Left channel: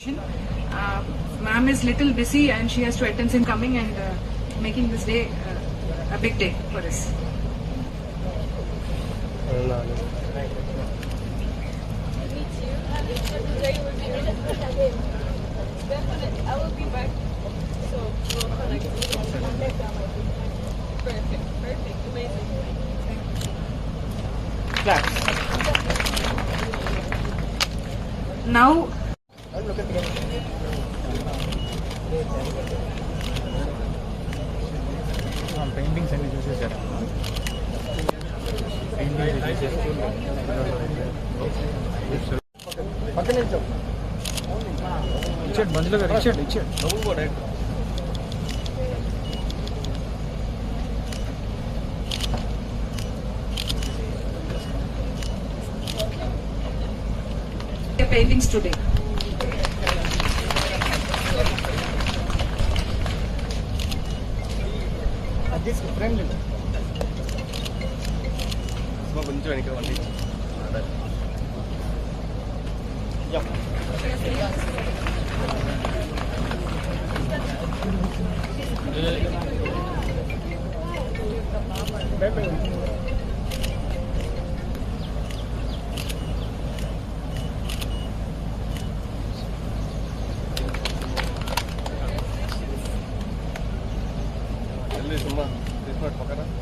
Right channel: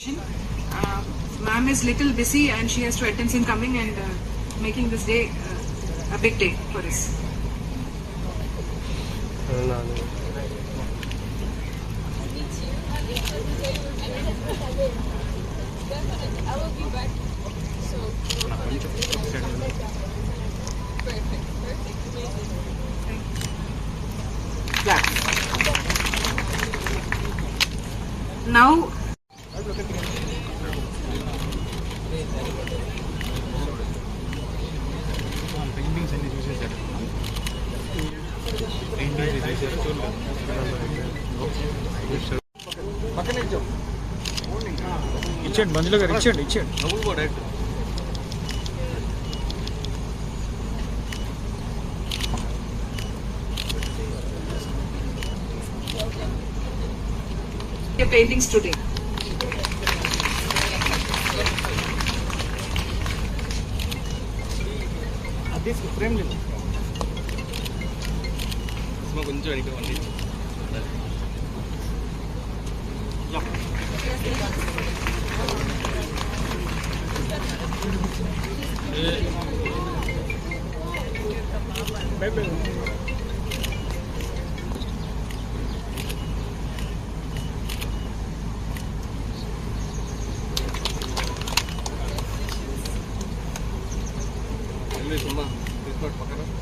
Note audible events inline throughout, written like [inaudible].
Uh, Ma'am is little busy and she has to attend in coming and uh, making this day uh, a big day for us. I will be back. So. Perfect. Perfect. Amazing. Now, ఇచ్చేయండి మంజుల గారు ఇచ్చేయండి ఇచ్చేయండి the paintings today. Frame Maximum കൊഞ്ചും എനിക്ക് വണ്ടി சும்மா business பக்கத்தில்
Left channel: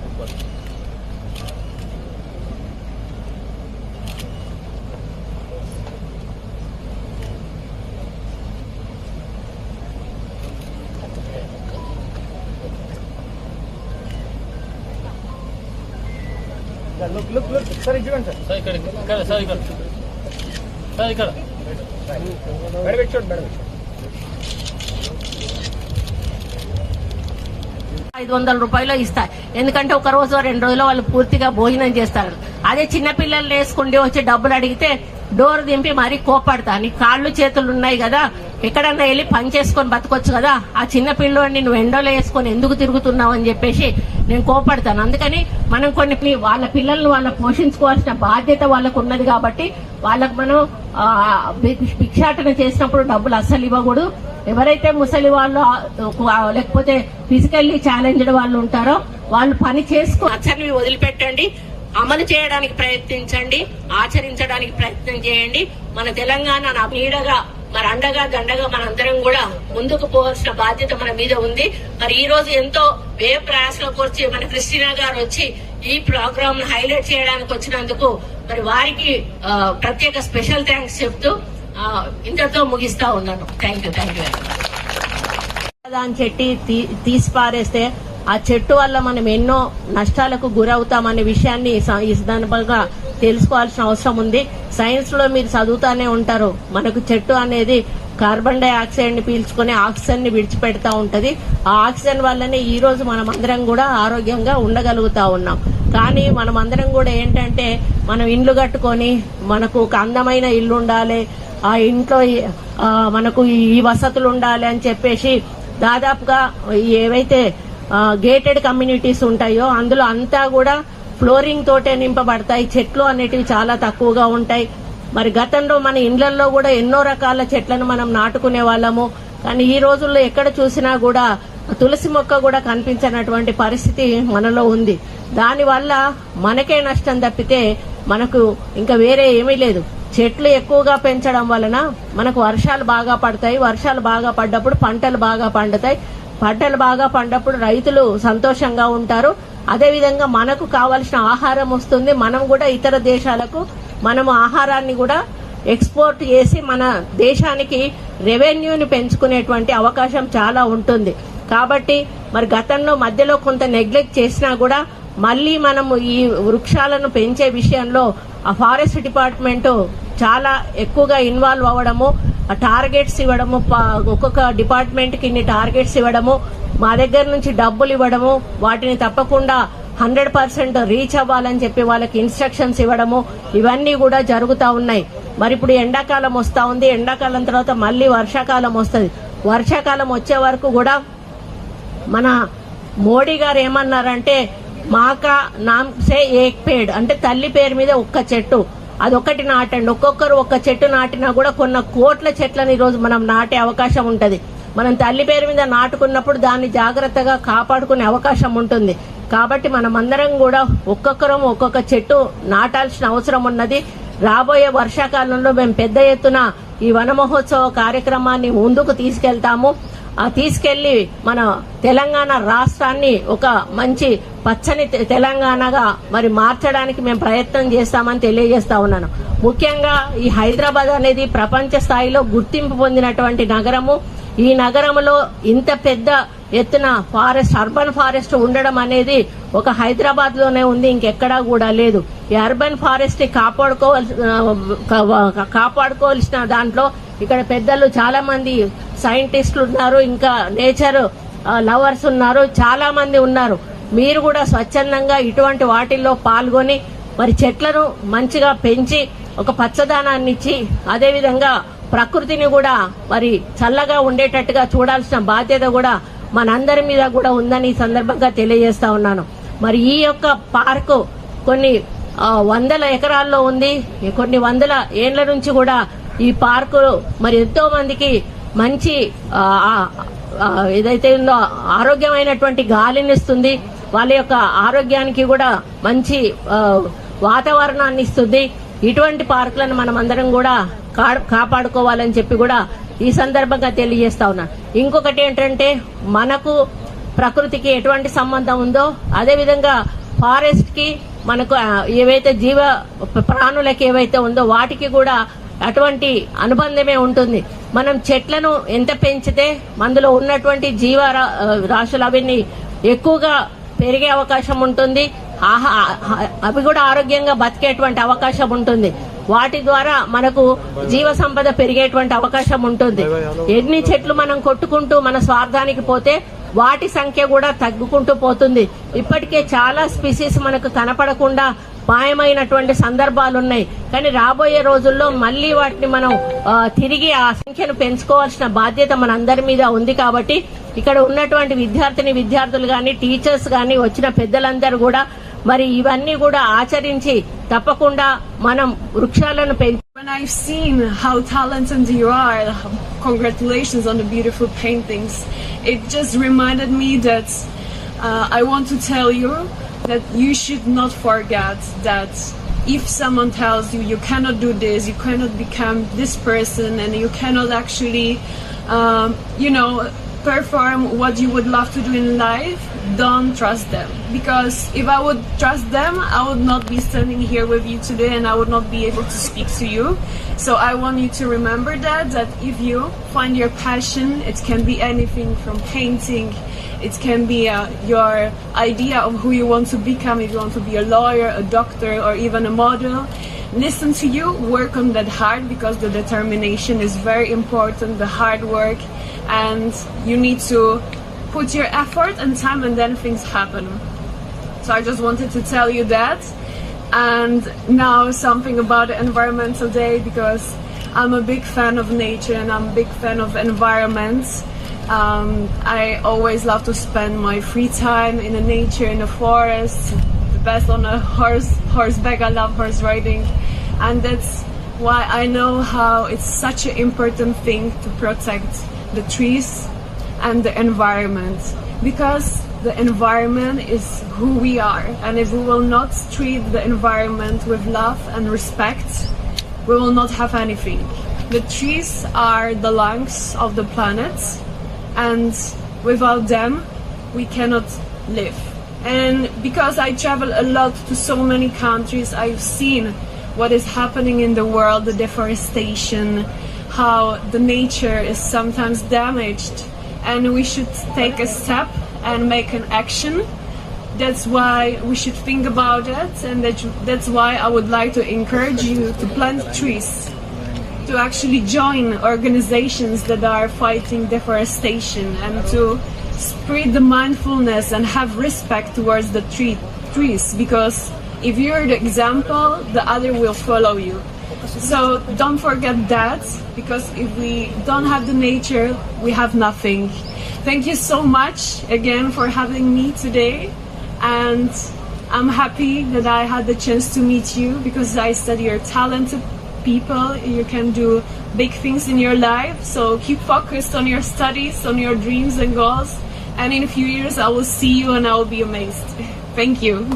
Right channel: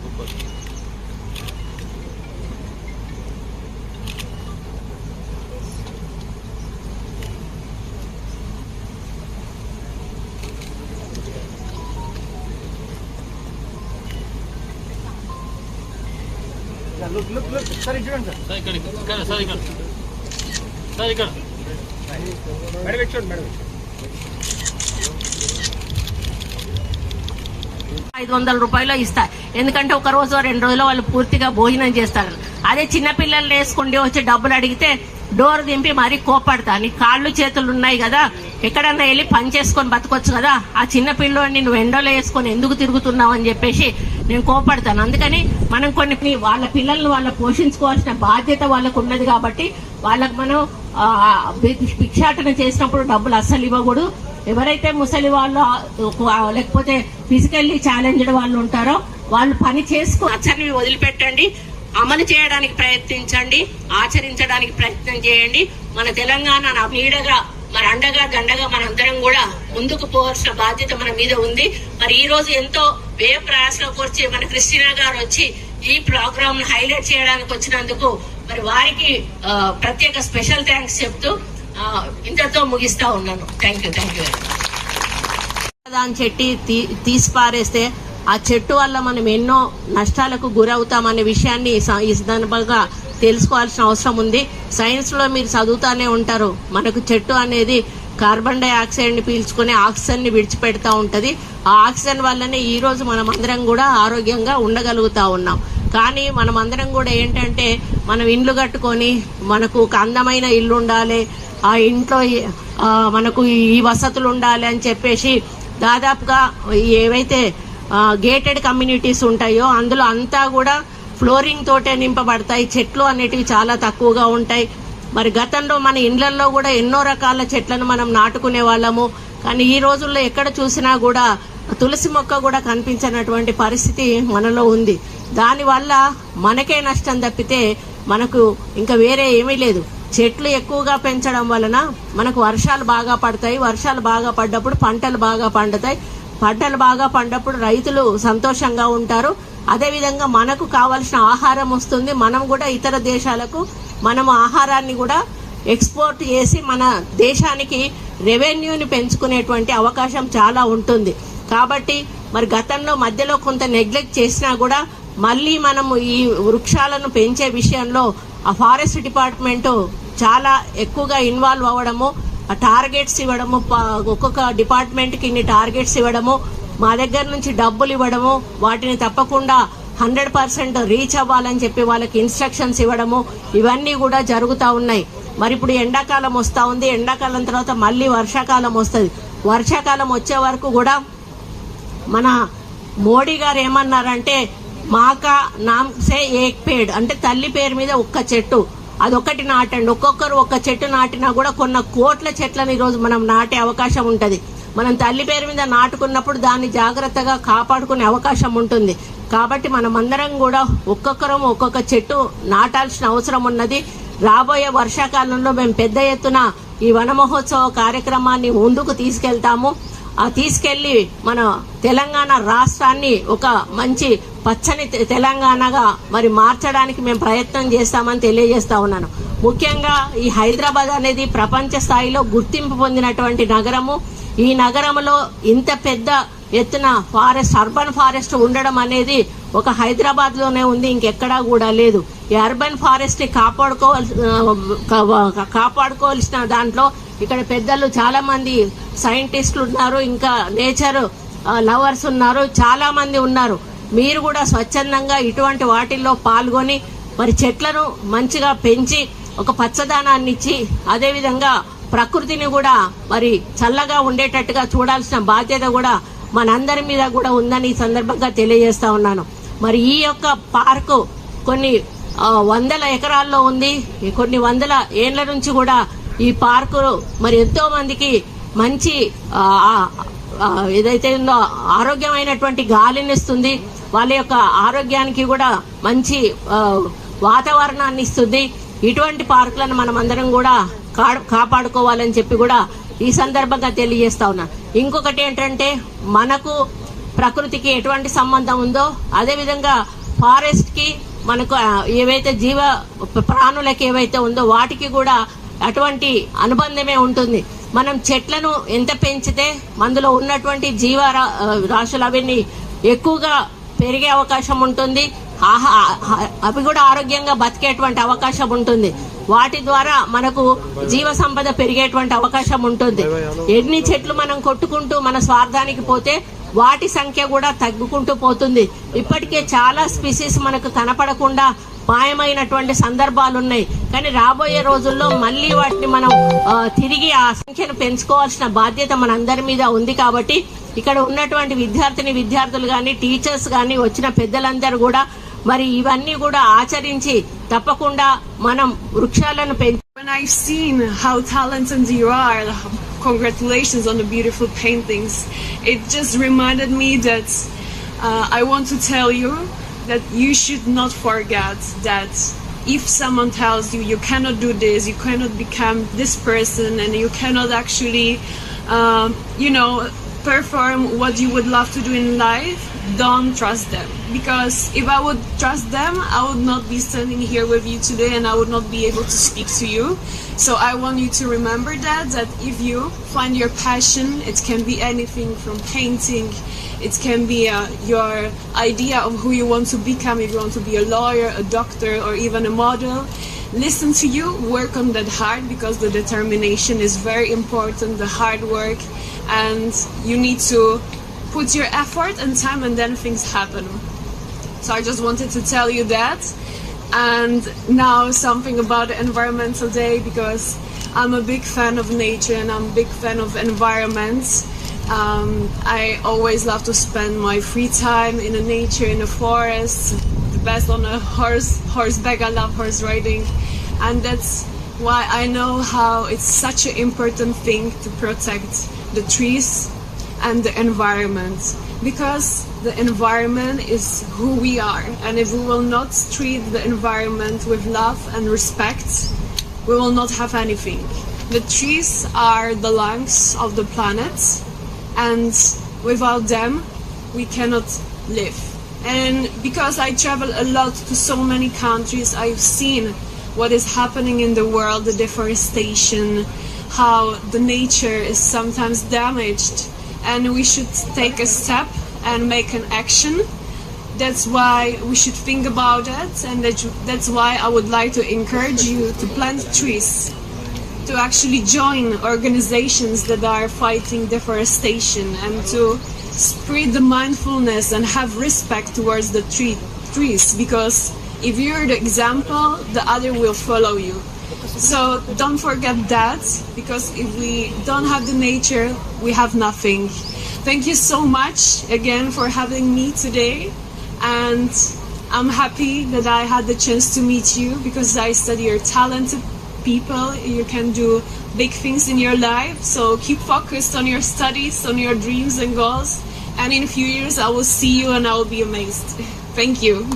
super look look look sir sir ఇక్కడ ఇక్కడ సార్ ఇక్కడ సార్ ఇక్కడ మేడం మేడం ఐదు వందల రూపాయలు ఇస్తారు ఎందుకంటే ఒక రోజు రెండు రోజులు వాళ్ళు పూర్తిగా భోజనం చేస్తారు. అదే చిన్నపిల్లల్ని వేసుకుండి వచ్చి డబ్బులు అడిగితే డోర్ దింపి మరీ కోపడతా నీ కాళ్ళు చేతులు ఉన్నాయి కదా ఎక్కడన్నా వెళ్ళి పని చేసుకొని బతకొచ్చు కదా. ఆ చిన్న పిల్లోని నువ్వు ఎండోలో వేసుకొని ఎందుకు తిరుగుతున్నావు అని చెప్పేసి నేను కోపడతాను అందుకని మనం కొన్ని వాళ్ళ పిల్లల్ని వాళ్ళ పోషించుకోవాల్సిన బాధ్యత వాళ్ళకు ఉన్నది కాబట్టి వాళ్ళకు మనం భిక్షాటన చేసినప్పుడు డబ్బులు అస్సలు ఇవ్వకూడదు. ఎవరైతే ముసలి వాళ్ళు లేకపోతే ఫిజికల్లీ ఛాలెంజ్డ్ వాళ్ళు ఉంటారో వాళ్ళు పని చేసుకు వదిలిపెట్టండి. అమలు చేయడానికి ప్రయత్నించండి ఆచరించడానికి ప్రయత్నం చేయండి. మన తెలంగాణ నీడగా మరి అండగా దండగా మనందరం కూడా ముందుకు పోవాల్సిన బాధ్యత మన మీద ఉంది. మరి ఈ రోజు ఎంతో వ్యయ ప్రయాసలోకి వచ్చి మన క్రిస్టినా గారు వచ్చి ఈ ప్రోగ్రామ్ హైలైట్ చేయడానికి వచ్చినందుకు మరి వారికి ప్రత్యేక స్పెషల్ థ్యాంక్స్ చెప్తూ ఇంతతో ముగిస్తా ఉన్నాను. థ్యాంక్ యూ థ్యాంక్ యూ దాని చెట్టి తీ- తీసి పారేస్తే ఆ చెట్టు వల్ల మనం ఎన్నో నష్టాలకు గురవుతామనే విషయాన్ని ఈ సందర్భంగా తెలుసుకోవాల్సిన అవసరం ఉంది. సైన్స్లో మీరు చదువుతానే ఉంటారు. మనకు చెట్టు అనేది కార్బన్ డైఆక్సైడ్ని పీల్చుకుని ఆక్సిజన్ని విడిచిపెడతా ఉంటది. ఆ ఆక్సిజన్ వల్లనే ఈ రోజు మనం అందరం కూడా ఆరోగ్యంగా ఉండగలుగుతా ఉన్నాం. కానీ మనం అందరం కూడా ఏంటంటే మనం ఇండ్లు కట్టుకొని మనకు ఒక అందమైన ఇల్లు ఉండాలి. ఆ ఇంట్లో మనకు ఈ వసతులు ఉండాలి అని చెప్పేసి దాదాపుగా ఏవైతే గేటెడ్ కమ్యూనిటీస్ ఉంటాయో అందులో అంతా కూడా ఫ్లోరింగ్ తోటే నింపబడతాయి. చెట్లు అనేటివి చాలా తక్కువగా ఉంటాయి. మరి గతంలో మన ఇండ్లలో కూడా ఎన్నో రకాల చెట్లను మనం నాటుకునే వాళ్ళము. కానీ ఈ రోజుల్లో ఎక్కడ చూసినా కూడా తులసి మొక్క కూడా కనిపించినటువంటి పరిస్థితి మనలో ఉంది. దానివల్ల మనకే నష్టం తప్పితే మనకు ఇంకా వేరే ఏమీ లేదు. చెట్లు ఎక్కువగా పెంచడం వలన మనకు వర్షాలు బాగా పడతాయి. వర్షాలు బాగా పడ్డప్పుడు పంటలు బాగా పండుతాయి. పంటలు బాగా పండప్పుడు రైతులు సంతోషంగా ఉంటారు. అదేవిధంగా మనకు కావలసిన ఆహారం వస్తుంది. మనం కూడా ఇతర దేశాలకు మనం ఆహారాన్ని కూడా ఎక్స్పోర్ట్ చేసి మన దేశానికి రెవెన్యూని పెంచుకునేటువంటి అవకాశం చాలా ఉంటుంది. కాబట్టి మరి గతంలో మధ్యలో కొంత నెగ్లెక్ట్ చేసినా కూడా మళ్ళీ మనము ఈ వృక్షాలను పెంచే విషయంలో ఆ ఫారెస్ట్ డిపార్ట్మెంటు చాలా ఎక్కువగా ఇన్వాల్వ్ అవ్వడము టార్గెట్స్ ఇవ్వడము ప- ఒక్కొక్క డిపార్ట్మెంట్కి ఇన్ని టార్గెట్స్ ఇవ్వడము మా దగ్గర నుంచి డబ్బులు ఇవ్వడము వాటిని తప్పకుండా హండ్రెడ్ పర్సెంట్ రీచ్ అవ్వాలని చెప్పి వాళ్ళకి ఇన్స్ట్రక్షన్స్ ఇవ్వడము ఇవన్నీ కూడా జరుగుతూ ఉన్నాయి. మరి ఇప్పుడు ఎండాకాలం వస్తా ఉంది. ఎండాకాలం తర్వాత మళ్ళీ వర్షాకాలం వస్తుంది. వర్షాకాలం వచ్చే వరకు కూడా మన మోడీ గారు ఏమన్నారంటే మాక నామ్ సే ఏక్ పేడ్ అంటే తల్లి పేరు మీద ఒక్క చెట్టు. అదొకటి నాటండి. ఒక్కొక్కరు ఒక్క చెట్టు నాటినా కూడా కొన్న కోట్ల చెట్లను ఈరోజు మనం నాటే అవకాశం ఉంటుంది. మనం తల్లి పేరు మీద నాటుకున్నప్పుడు దాన్ని జాగ్రత్తగా కాపాడుకునే అవకాశం ఉంటుంది. కాబట్టి మనం అందరం కూడా ఒక్కొక్కరం ఒక్కొక్క చెట్టు నాటాల్సిన అవసరం ఉన్నది. రాబోయే వర్షాకాలంలో మేము పెద్ద ఎత్తున ఈ వన మహోత్సవ కార్యక్రమాన్ని ముందుకు తీసుకెళ్తాము. తీసుకెళ్ళి మన తెలంగాణ రాష్ట్రాన్ని ఒక మంచి పచ్చని తె- తెలంగాణగా మరి మార్చడానికి మేము ప్రయత్నం చేస్తామని తెలియజేస్తా ఉన్నాను. ముఖ్యంగా ఈ హైదరాబాద్ అనేది ప్రపంచ స్థాయిలో గుర్తింపు పొందినటువంటి నగరము. ఈ నగరంలో ఇంత పెద్ద ఎత్తున ఫారెస్ట్ అర్బన్ ఫారెస్ట్ ఉండడం అనేది ఒక హైదరాబాద్లోనే ఉంది ఇంకెక్కడా కూడా లేదు. ఈ అర్బన్ ఫారెస్ట్ని కాపాడుకోవాల్సిన దాంట్లో ఇక్కడ పెద్దలు చాలా మంది సైంటిస్టులు ఉన్నారు ఇంకా నేచర్ లవర్స్ ఉన్నారు చాలా మంది ఉన్నారు. మీరు కూడా స్వచ్ఛందంగా ఇటువంటి వాటిల్లో పాల్గొని మరి చెట్లను మంచిగా పెంచి ఒక పచ్చదనాన్ని ఇచ్చి అదేవిధంగా ప్రకృతిని కూడా మరి చల్లగా ఉండేటట్టుగా చూడాల్సిన బాధ్యత కూడా మనందరి మీద కూడా ఉందని ఈ సందర్భంగా తెలియజేస్తా ఉన్నాను. మరి ఈ యొక్క పార్కు కొన్ని వందల ఎకరాల్లో ఉంది. కొన్ని వందల ఏళ్ళ నుంచి కూడా ఈ పార్కు మరి ఎంతో మందికి మంచి ఏదైతే ఉందో ఆరోగ్యమైనటువంటి గాలిని ఇస్తుంది వాళ్ళ యొక్క ఆరోగ్యానికి కూడా మంచి వాతావరణాన్ని ఇస్తుంది. ఇటువంటి పార్కులను మనం అందరం కూడా కా- కాపాడుకోవాలని చెప్పి కూడా ఈ సందర్భంగా తెలియజేస్తా ఉన్నా. ఇంకొకటి ఏంటంటే మనకు ప్రకృతికి ఎటువంటి సంబంధం ఉందో అదేవిధంగా ఫారెస్ట్కి మనకు ఏవైతే జీవ ప్రాణులకి ఏవైతే ఉందో వాటికి కూడా అటువంటి అనుబంధమే ఉంటుంది. మనం చెట్లను ఎంత పెంచితే అందులో ఉన్నటువంటి జీవ రా- రాశులు అవన్నీ ఎక్కువగా పెరిగే అవకాశం ఉంటుంది. ఆహా- అవి కూడా ఆరోగ్యంగా బతికేటువంటి అవకాశం ఉంటుంది. వాటి ద్వారా మనకు జీవ సంపద పెరిగేటువంటి అవకాశం ఉంటుంది. ఎన్ని చెట్లు మనం కొట్టుకుంటూ మన స్వార్థానికి పోతే వాటి సంఖ్య కూడా తగ్గుకుంటూ పోతుంది. ఇప్పటికే చాలా స్పీసీస్ మనకు కనపడకుండా మాయమైనటువంటి సందర్భాలు ఉన్నాయి కానీ రాబోయే రోజుల్లో మళ్ళీ వాటిని మనం తిరిగి ఆ సంఖ్యను పెంచుకోవాల్సిన బాధ్యత మనందరి మీద ఉంది కాబట్టి ఇక్కడ ఉన్నటువంటి విద్యార్థిని విద్యార్థులు కానీ టీచర్స్ కానీ వచ్చిన పెద్దలందరూ కూడా మరి ఇవన్నీ కూడా ఆచరించి తప్పకుండా మనం వృక్షాలను పెంచు When I've seen how talented you are, congratulations on the beautiful paintings. It just reminded me that uh, I want to tell you that you should not forget that if someone tells you you cannot do this, you cannot become this person, and you cannot actually, um, you know, perform what you would love to do in life, don't trust them. Because if I would trust them, I would not be standing here with you today and I would not be able to speak to you. So I want you to remember that, that if you find your passion, it can be anything from painting, it can be uh, your idea of who you want to become, if you want to be a lawyer, a doctor, or even a model. Listen to you, work on that hard because the determination is very important, the hard work, and you need to put your effort and time, and then things happen. So I just wanted to tell you that. And now something about the environmental day because I'm a big fan of nature and I'm a big fan of environment. Um, I always love to spend my free time in the nature, in the forest, best on a horse, horseback. I love horse riding, and that's why I know how it's such an important thing to protect the trees and the environment. Because the environment is who we are. And if we will not treat the environment with love and respect we will not have anything. The trees are the lungs of the planet and without them we cannot live and because i travel a lot to so many countries i've seen what is happening in the world the deforestation how the nature is sometimes damaged. And we should take a step and make an action. That's why we should think about it and that, that's why i would like to encourage you to plant trees to actually join organizations that are fighting deforestation and to spread the mindfulness and have respect towards the tree, trees. Because if you're the example the other will follow you. So don't forget that because if we don't have the nature we have nothing. Thank you so much again for having me today. And I'm happy that I had the chance to meet you because I study you're talented people. You can do big things in your life. So keep focused on your studies, on your dreams and goals. And in a few years, I will see you and I'll be amazed. [laughs] Thank you.